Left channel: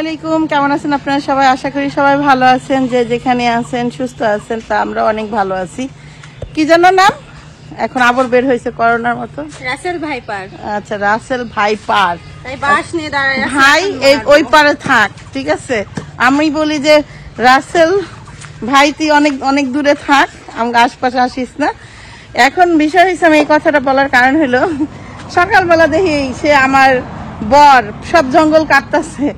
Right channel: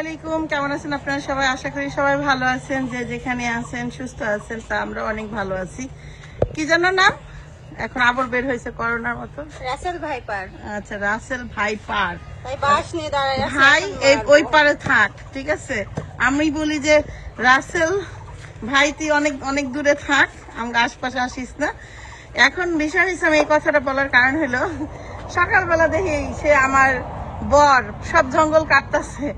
আলাইকুম, কেমন আছেন আপনারা সবাই? আশা করি সবাই ভালো আছেন, যে যেখানে আছেন সুস্থ আছেন। তা আমরা অনেক ভালো আছি। কি যেন নাম এখন আবার বের হয়েছে করোনার মতো, রাসেল ভাইপার। আচ্ছা, রাসেল ভাইপার। তাই বাস নিয়ে দাঁড়ায় আছে ভাই এই ওই পারে থাক, ঠিক আছে? আমি বলি যে রাসেল ভাই তুই অনেক অনেক দূরে থাক, আমরা আশপাশে আসিস না। এখন বিষয় হয়েছে, আমি এই কথাটা বলার কারণ হলো সকালবেলা দেখি সে আমার বর সব জঙ্গল কাটতেছে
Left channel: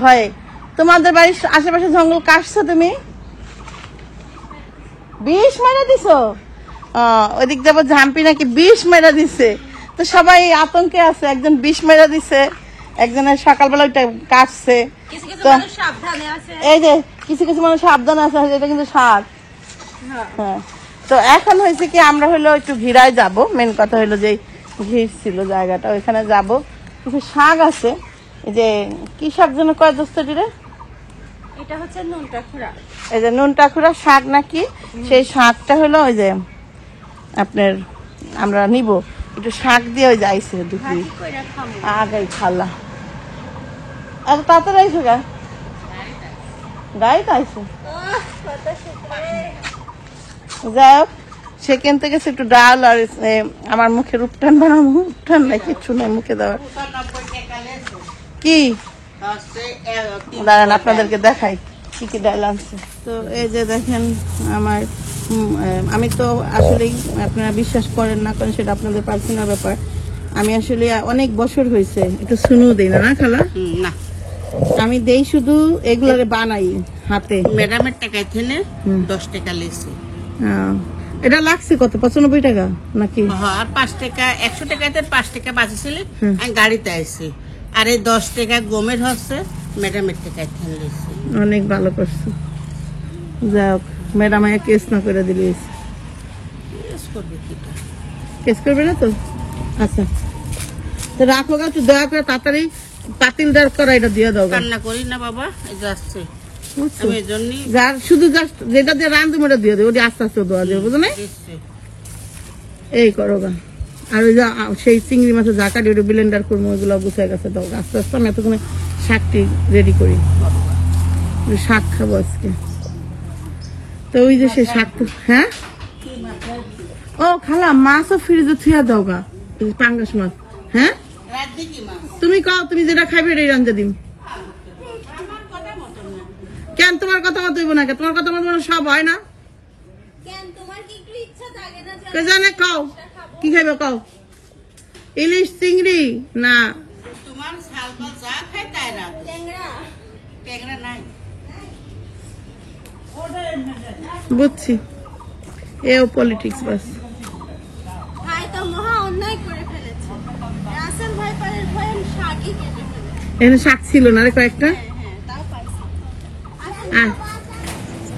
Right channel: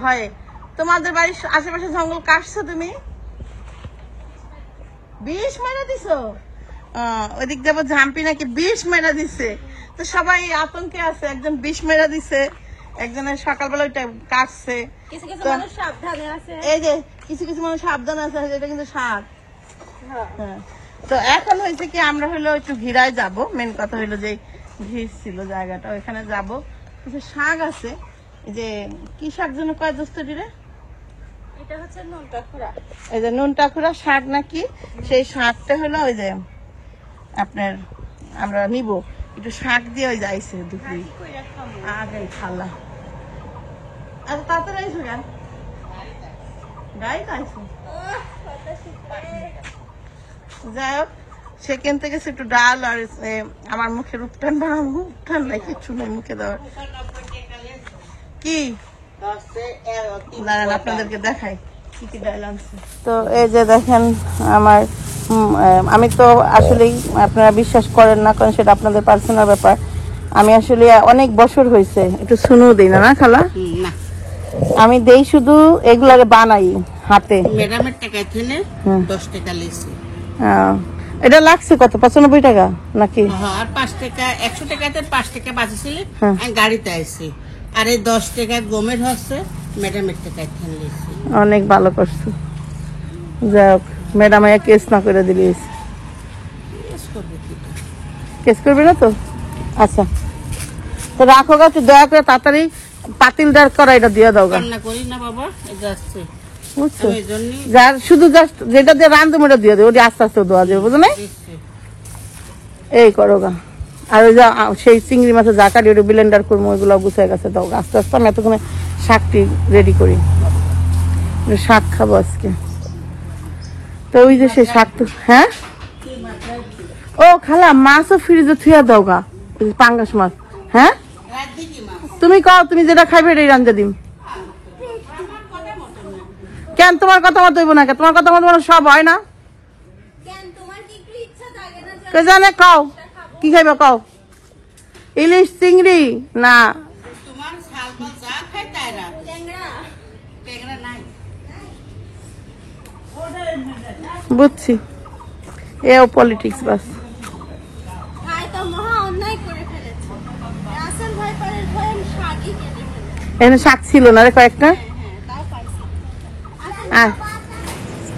ভয়ে। তোমাদের বাড়ির আশেপাশে জঙ্গল কাটছো তুমি? বিষ মেরে দিছো? ওইদিক যাবো ঝাম্পি নাকি বিষ মেরে দিছে, তো সবাই আতঙ্কে আছে। একজন বিষ মেরে দিছে, একজনের সকালবেলা ওইটা কাটছে। তো এই যে কিছু কিছু মানুষ সাবধান আছে, এটা কিন্তু সাপ। হ্যাঁ, তো এখন হয়েছে কি, আমরা হলো একটু ঘিরায় যাব। মেন কথা হলো যে ঘির ছিল জায়গাটা, ওইখানে যাব। কিছু শাক আছে, এই যে কি শাক যেন কয় দোস্তটি রে, এটা হচ্ছে নুনটাখুরা। এই যে নুনটাখুরা শাক নাকি, সেই শাকটা হলো ওই যে আপনার আমরা নিব একটু শাক দিয়ে ওই যাইছে দুপুরি আগাই খালা। এত তাড়াতাড়ি আইসো গা? গাড়িতে আইসো? যাই হোক, সেখান থেকে একটু ডাল আর আমার মুখের উপটান বানাবো। উপটান নাই, কিচ্ছু নাই মুখে দেওয়ার। কি দাঁড়ান আপনাদেরকে দেখাই কি কি ডাল আনছে। তো এই যে দেখেন আমার, আমি তো আসলেই আপনারা বিশ্বাস করেন না করেন সেটা আপনাদের পার্সোনাল ব্যাপার। আমি আসলে অনেক বছর হয়েছে একটু শুনু দিই না, না খালা? না, আমি দেই শুধু এগুলারে বানাই হাতে। ম্যাডামের টাকায় থেকে 10 টাকা লেছি। এটা লাগছে কত? 95 টাকা নাকি? আর 5 টাকা, 100 টাকাতে 5 টাকা বাঁচেছিল। আমি গাড়িতে আইছি, আর এই 10 টাকা গমের হচ্ছে ম্যাডামের টাকায় থেকে লেছি। অনেক ভালো করছো। যাই হোক, ম্যাডাম কেস না করে দিলি। কেস করবি না তো? আচ্ছা, তো রাখো গা, তুই দয়া করে তাড়াতাড়ি পাতিলদার করা এটা দিয়ে দাও। রান্না করি না বাবা, এই যাচ্ছে বুঝছো? এই জন্যই যার শুধু জাস্ট যেটা দিয়ে রান্ধবো ওটা দিয়ে দেবো, ওটা আস্তে আস্তে দেওয়া যাবে, বুঝো না? এই করো গা। আর ওই যে সেই চিংড়ি মাছের যা কাটি ওটা ব্লেন্ডার করবো, ওইগুলো গুছিয়ে গেছে দাও আস্তে আস্তে। আমি এতক্ষণে শাকটি রেডি করি, শাক খাবো আজকে। তো ওই যে সেই শাক তো, হ্যাঁ ও খালা মাছও ফ্রিজে থুয়া দাও গা, পাঙ্গাস মাছ। হ্যাঁ তুমি কও, তুমি যেটা খাইবে এটাই রান্ধা দিম। কেন তোমার কথা মতো হইব না? তোমার কথা মতো সব হয় না? কে জানে, কও কি খাইবে কও? ইলিশ, চিংড়ি না বুঝছি, এও পলিটিক্স বাস। এখানে শাক ছিল না রে কয়েকটা।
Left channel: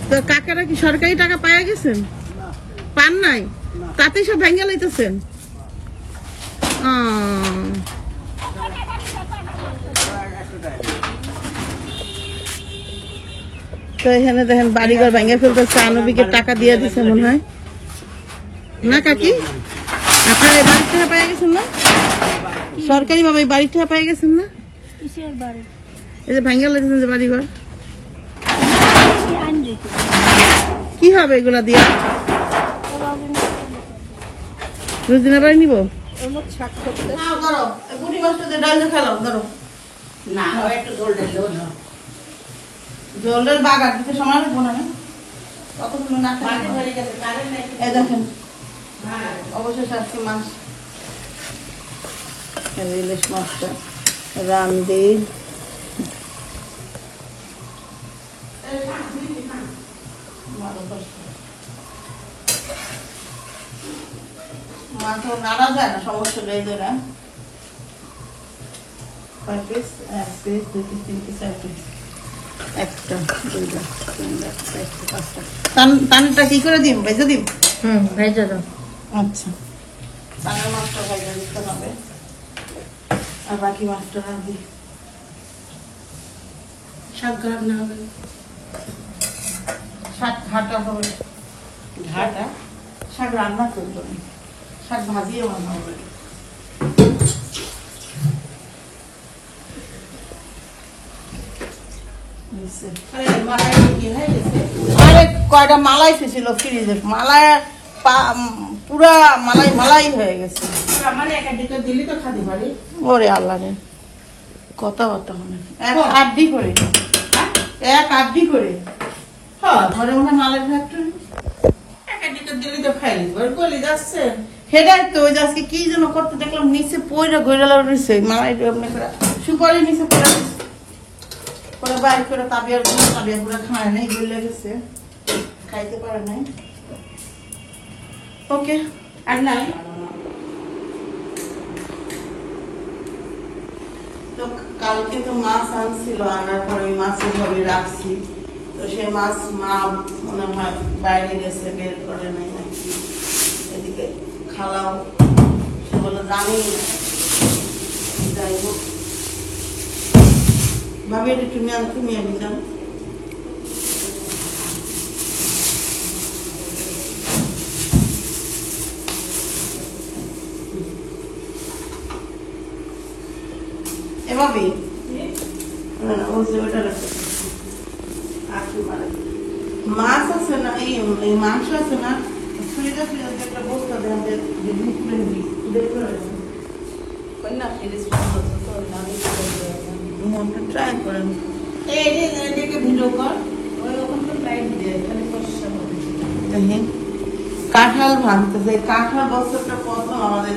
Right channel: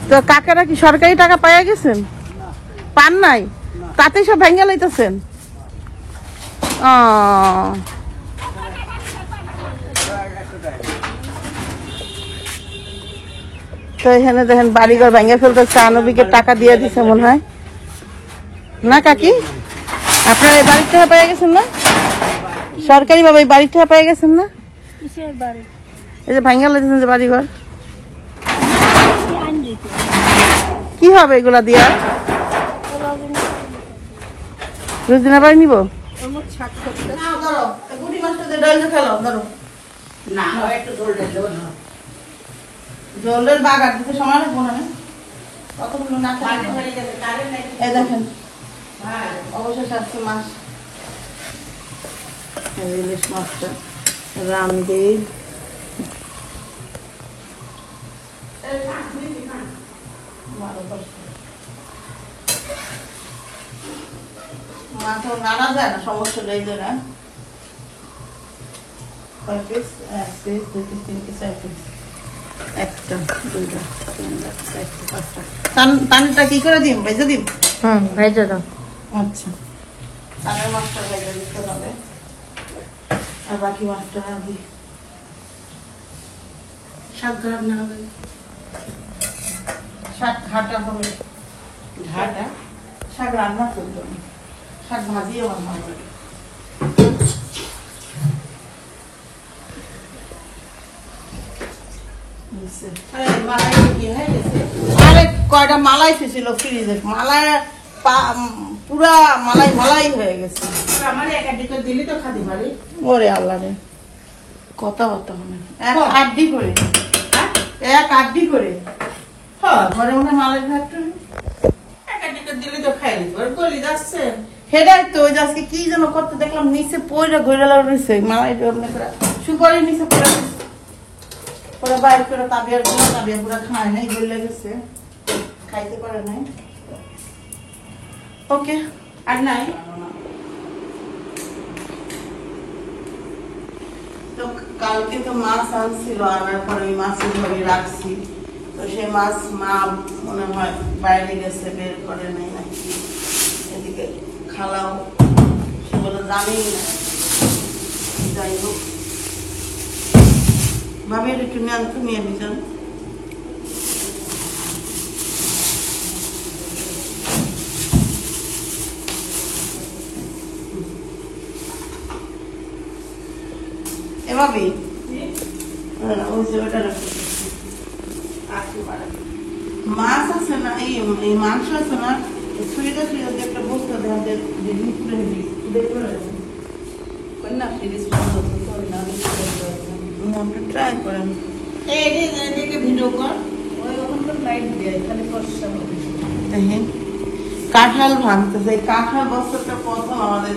তো কাকারা কি সরকারি টাকা পাইয়া গেছেন? পান নাই? তাতেই সব ভেঙে লাইতেছেন। তো এখানে দেখেন বাড়িঘর ভেঙে ফেলতেছে, আনবিকে টাকা দিয়ে দিছে মনে হয় না কাকি? আপনার এই বাড়ির টাকা পাইয়া গেছেন না? সরকারি ভাবে এই বাড়ির টাকা পাইয়া গেছেন না? এই যে ভেঙে লাইতেছেন যে বাড়িঘর, কি হবে এগুলা দিয়া? রোজিনা বাড়ি নিব জলের বাগান দিতে সময় লাগবো না? কতগুলো না দেখেন অবশ্যই আসছে মাছ, ইলিশ মাছটা রামদির। মাছ নাড়া যায় না, সমস্যা নেই। ধরে একটা টানটা কি করে দিম? ভেজে দিম? ভেজে দাও। আচ্ছা, টানের মাছটা ভেজে দিতে হবে, আর বাকি মাছটা দিই। শাক খারাপ না হবে, শাক ঘাটা হবে। ঘাটা শাক রান্না করতে হবে, শাক ভাজিও রান্না হবে। আরে কয়টা মালাই ছিল ফ্রিজে, মালাই পুরা মালাই হয়ে গেছে। আমার এক আধটা দিলি তো খাতে পারি। ওরে আল্লাহ রে, কথা বলতে হবে এক আড্ডি করে, এক আড্ডি করে ঘরে মধ্যে মালাই ফ্যাক্টরি এক আধটা দিলি তো খাই নিব। আর গলি যাচ্ছে সেটাই তো। ওই যে আজকে কি যেন করতে দেখলাম, নিচে পয়রা ঘুরে রয়েছে মালাই সুপারি নিচে পড়ে ওরা বাইরে করে তাবিয়ার গুলো, তাবিয়া পুরা খায় নাই, গলে গেছে, খাইতে পারে নাই। ওকে আর নাই। তো কালকে তো মাছ আনছিল, আনার পরে ওই মাছের ঘরে রাখছি। তো সে মাছ মা মনে হয় বাইরে গেছে, বের করে নাই নাকি। এদিকে খালাও বলে জানি, যাই হোক ভাবি একটু নিয়ে দিতাম। এভাবে মাছ আছে না, এই মাংস আছে না, ফ্রিজে একটা বস্তু ট্রাই করেন। ভিডিও কর। কাঁঠাল ভাঙতেছে, কাঁঠাল বছরটা প্রথম আমাদের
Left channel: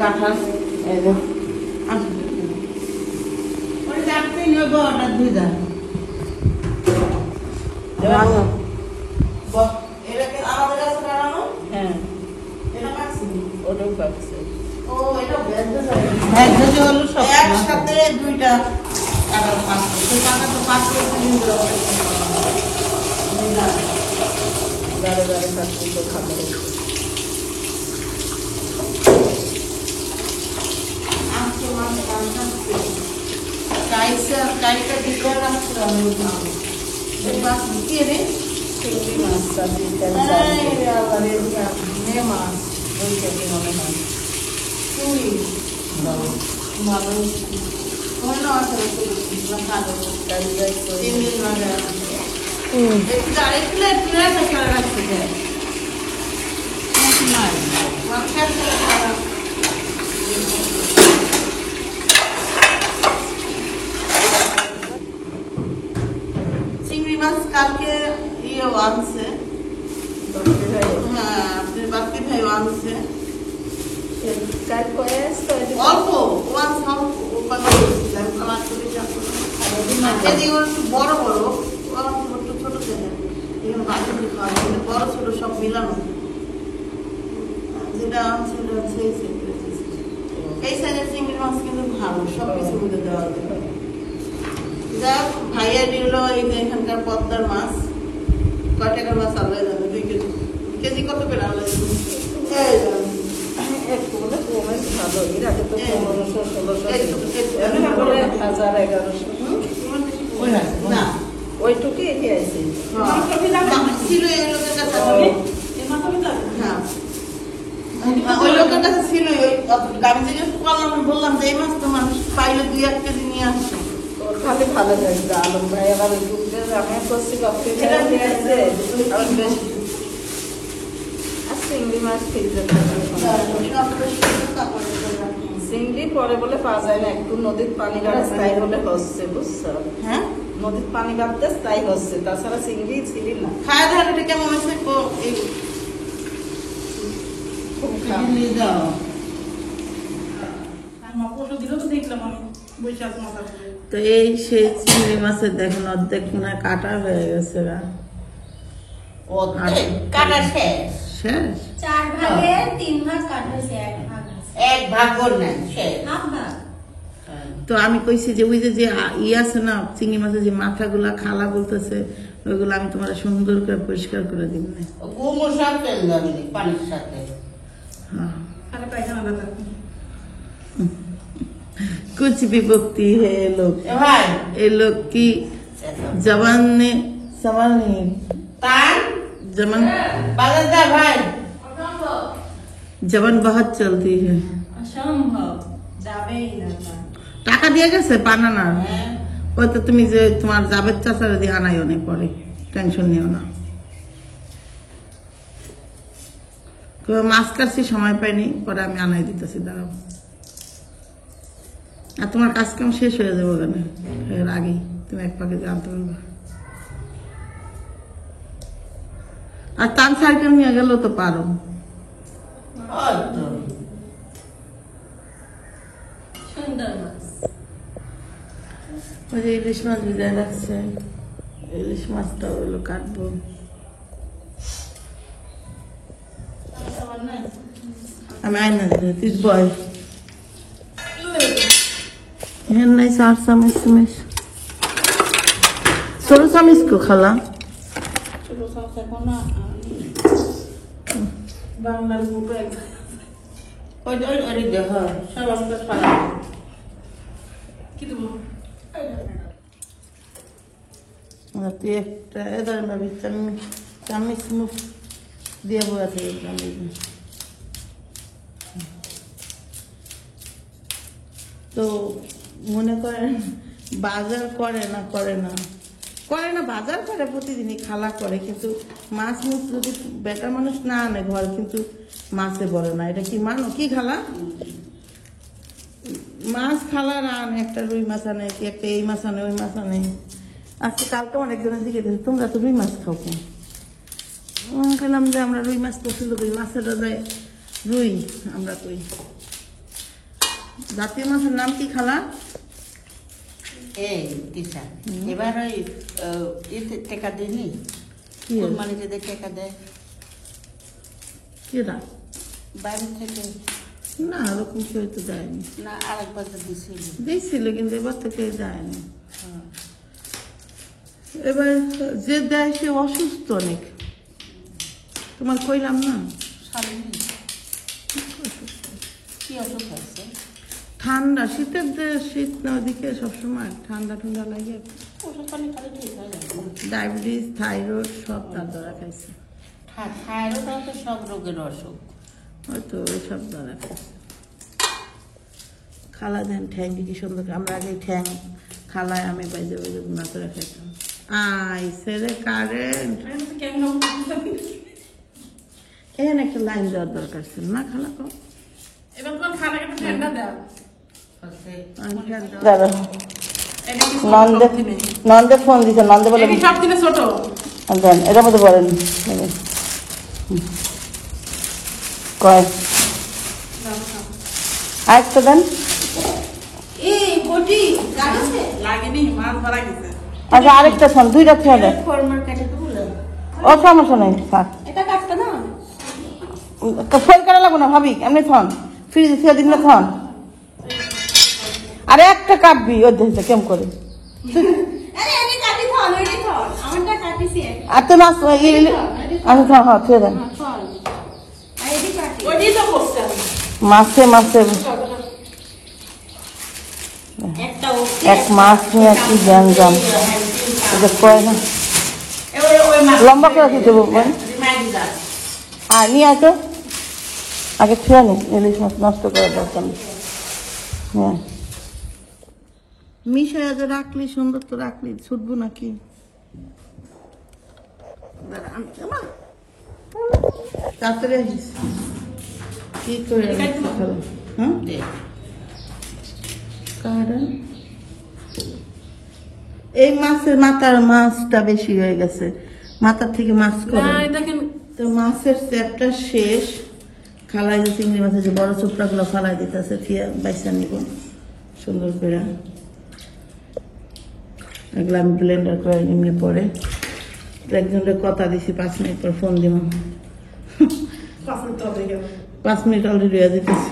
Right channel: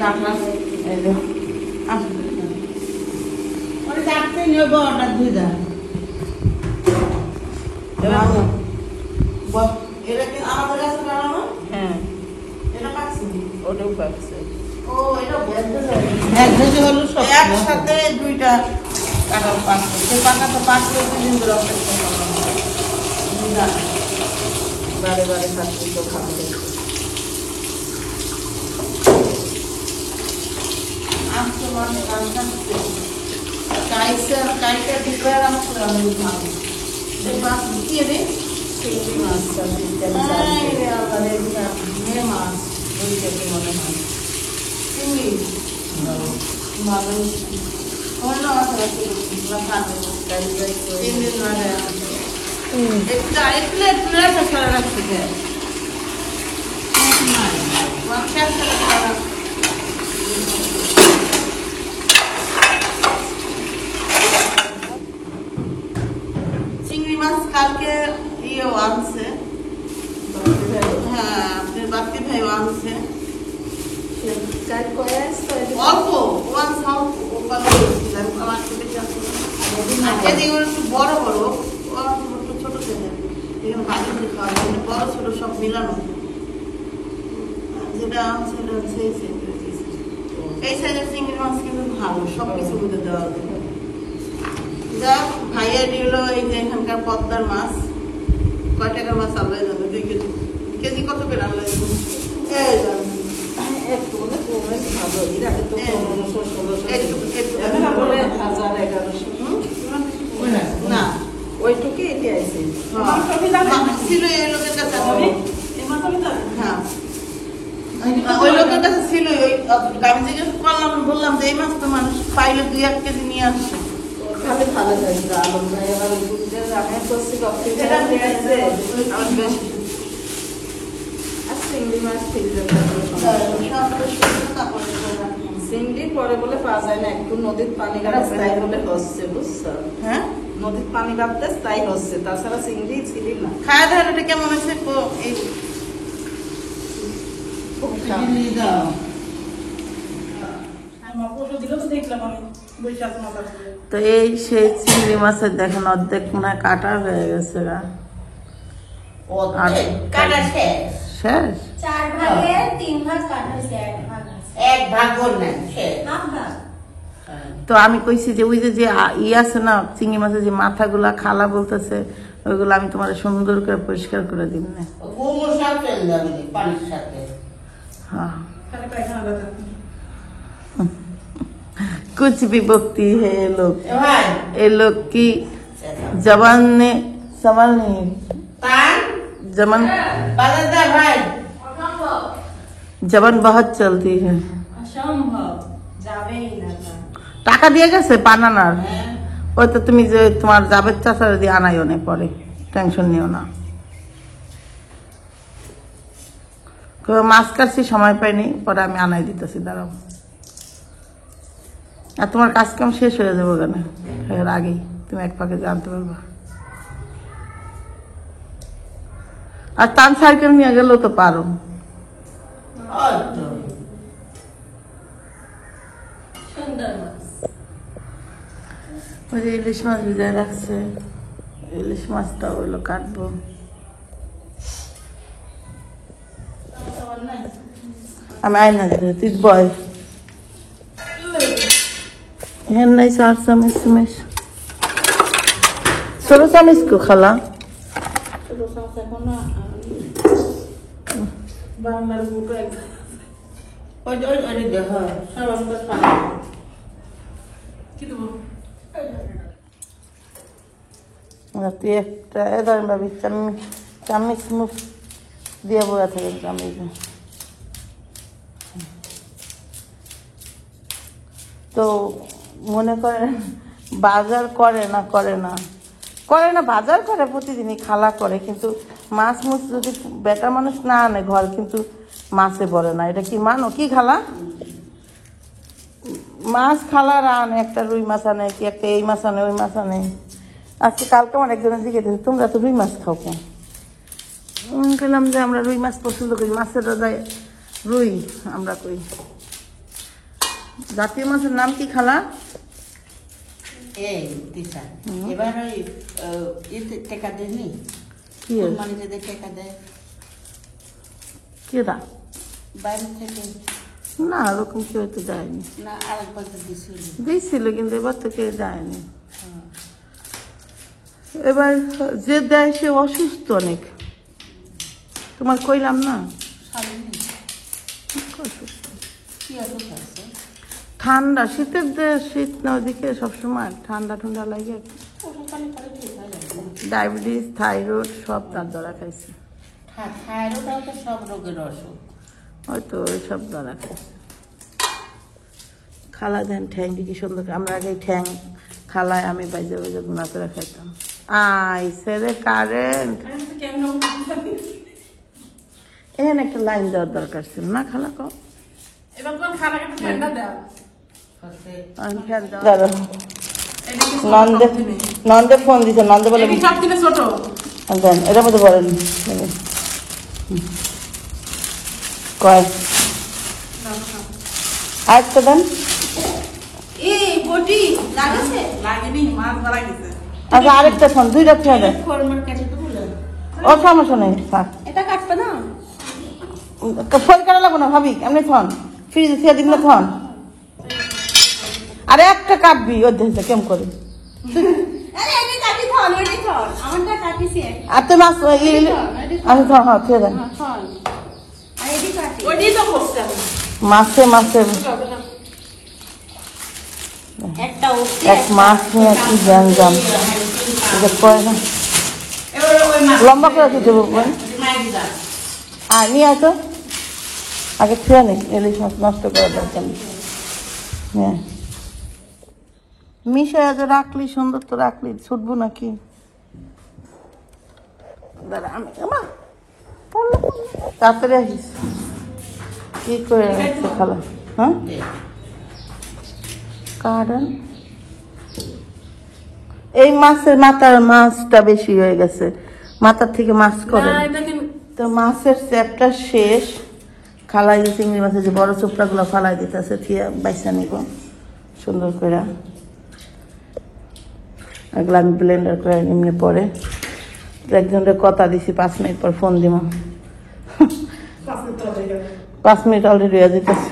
কাঁঠাল। ওই চারটে নেব, অর্ডার দিয়ে দেন। এটা কি আমাদের কাছে বানানো? হ্যাঁ, এটা পাচ্ছি ওটাও পাচ্ছে। ও এটা ভেজে এক ভেজে হলো সব একসাথে দুইটা কাঁঠাল পাচ্ছি। সেই পাকা তো 5 কেজি দিন বারে বারে পাচ্ছে তো খাবে। চিংড়ি মাছ, মাছ ওই থেকে মনে হয় চিংড়ি মাছ কালকে ইয়েও আনছে, হ্যাঁ আপনার বাপ্পি ভাই আনছে অল্প, ও আনছে অল্প, ও কথা বলছিলাম আমার ছোট বড় বড়, ও একটু ছোট ছেলে, বড় ছোট সব মিলানো। যেটা আনছে ওটা হচ্ছে এই সাইডের চিংড়ি মাছ কিন্তু ভালো, সবকিছু বুঝে দেওয়া হবে। যাক ভাইয়া দিল এই যে এখানকার পদ্মার মাছ, কয় টাকার মাছ আল্লাহ জানে, 2 কেজি। কেজি কত করে আল্লাহ জানে? একটু বলে ভালো, এর আগে তো 1500-1600 না ওইটুকু এটি আইছে। ছিল এই লোকের কাছে, হ্যাঁ ওই লোকের কাছে ছিল। আমি জিজ্ঞেস করলাম, বললাম যে এই মাছ তো মানুষ পাইলে 2-1 কেজি নিয়ে আসছে। তাহলে ভালো হয়েছে। আলম ভাই আবার ওই দুধের রান্না করছি, আর চিংড়ি মাছ চিংড়ি পরে বলে পাওয়া যায় না, একটু নদীর পানি কাটতে তাই বলে হচ্ছে, বুঝছো? হ্যাঁ নদীর পানি কাটতে তাই হচ্ছে, তাছাড়া চিংড়ি ছিলি না। খাওয়া দাওয়াটা কেমন আছে? তো এই সেই চিংড়ি মাছের দেখেন অর্ধেক মনে হয় কাটা হয়ে গেছে, শেষ 4 ভাগে 3 ভাগ কাটা হয়েছে, 1 ভাগ করলেন শেষ। তো আমি কইছি যে ওই যে আছে না চিংড়ি মাছের যে মাথাগুলা খালা বলতেছে, ওইগুলো আমি তোমার সুন্দর করে পরিষ্কার করে দিব না। পানির সাথে हाँ कुछ भी बोलती है ये लोग की जबान ने सवाल नहीं, जबान जबान बहुत चलती है। অসম্ভব, যাবেই না। টাকা দিয়ে গেছে বানানার, ওই তো তুমি যে তোমার জাবেদ চাচার দিয়ে আনাইও না পরে, টেনশন নিও না। মাছ কাটছি সময় পাইনি, পরে আমি আনাই দিতেছি, দাঁড়াও। আর তোমার কাজ কাম শেষ হয়ে যাবো কেন, এর আগেই তুমি এক পাকে জানতে পারবা। আর তান সাইকেল নিয়ে গেলেও তো পারো। ওই যে ইলিশ মাছ ভিজায় রাখছে, ইলিশ মাছটা ওগুলো কাটবো। আমি আইনা দিতে তুই বয় হ্যাঁ নাই 4 চামচ চামচ ছোট চামচ কো খালা বাংলার বুটো একদম ওই দেখো সব আমাদের পারে কি দেবো তুই একটা ধরেন ভাবি চামচ মুখ দিয়ে বয়া থাকে চামচ। তো মনে করেন বাজার করে না বাজার করে প্রতিদিনই, খালা করে, কিন্তু মাছ মুছ যদি বেটা মানুষ না আনে ঘর, কিন্তু মাছে বলে না। এটা কি মানো কি খালা? মাছ খালার আনে, একটা রুই মাছ আনে, কি একটা এই মাছ আনে, ওই মাছ আনে। আজকে কালকে আমার একজনের দিকে দেখি, তোমরা তো রুই মাছ খাও কেন? বললাম যে আমরা রুই মাছ পছন্দ করি, মাছের রাজায় রুই আমরা করি। জাতীয় মাছের নাম কি খালা? এই তিসা এবার ওই টাকা দেয়নি, মানে যে টাকা দেয় কেরা বাইরে থেকে, না ওরকম কেউ তো যায়নি। না আরেকবার তো দিয়েছিল, কিন্তু এবার তো কেউ যায়নি। এবার যে দেয় সে অসুস্থ অনেক, তোমার কইলাম না কি অসুখ আছে? ঠান্ডা, শীতের শীত না ওদিকে সবসময় ঠান্ডা ঠান্ডা লাগে, ডায়াবেটিস থাইরয়েড সব তার দ্বারা খাইছে। থাইরয়েড তো সব রোগের অসুখ, হয়তো ওই সব দ্বারা খাইছে। খালা দেন ঠ্যাং কি সুন্দর, আমরা আগে ঠ্যাং খালায় আমি বাইজে বাইজে গুণা করে খাইতাম। আইসে রে কারেন্ট, এখানে একটা লাইন দেওয়ার দরকার ছিল না খালা? কম নন্দে ফোন দিতে, নন্দে বলে দেন, এটার মধ্যে বলেন আরেকটা দেন। আচ্ছা আরেকটা শোন, 2 রাত্রি হবে, ও সমস্যা নেই, ফোন করা লাগবো না ভাবি, এমনি ফোন ফ্রিজ ছিল দিন না ফোন। আরে একটা কাটবি ওর দেখছে কেমন করে, আর তো মাছ আমি হ্যাঁ খেয়ে দেন। মাছে মাছের এক মাছ নিয়ে কি জানতাম, লম্বা করে দিতে বলবেন। আর নিয়ে আসো, আগে খেয়ে নি, ইলিশ মাছ নষ্ট করে রাখতাম। মিশে আজ রাখলি সুন্দর তো রাখলি, ছুটবো নাকি? দাঁড়া আমি তাড়াতাড়ি আসিস, কি করে খালা? হ্যাঁ কারণ এই মাছের মাছটা বেশি হয়ে গেছে, মাথার থেকে মাছ করে তো মাছের চ্যাপটা শেষ। খালাই যে চিংড়ি মাছের যে বড় চোপড়া গুলো ফালাই দিতেছে, বাইসা নিব সুন্দর করে, এগুলো আমি ব্লেন্ডার করে নিয়ে পরে একজনের কথা দিছি 5 মিনিট পর ফোন দিব, 5 মিনিট অলরেডি হয়ে যেতেছে।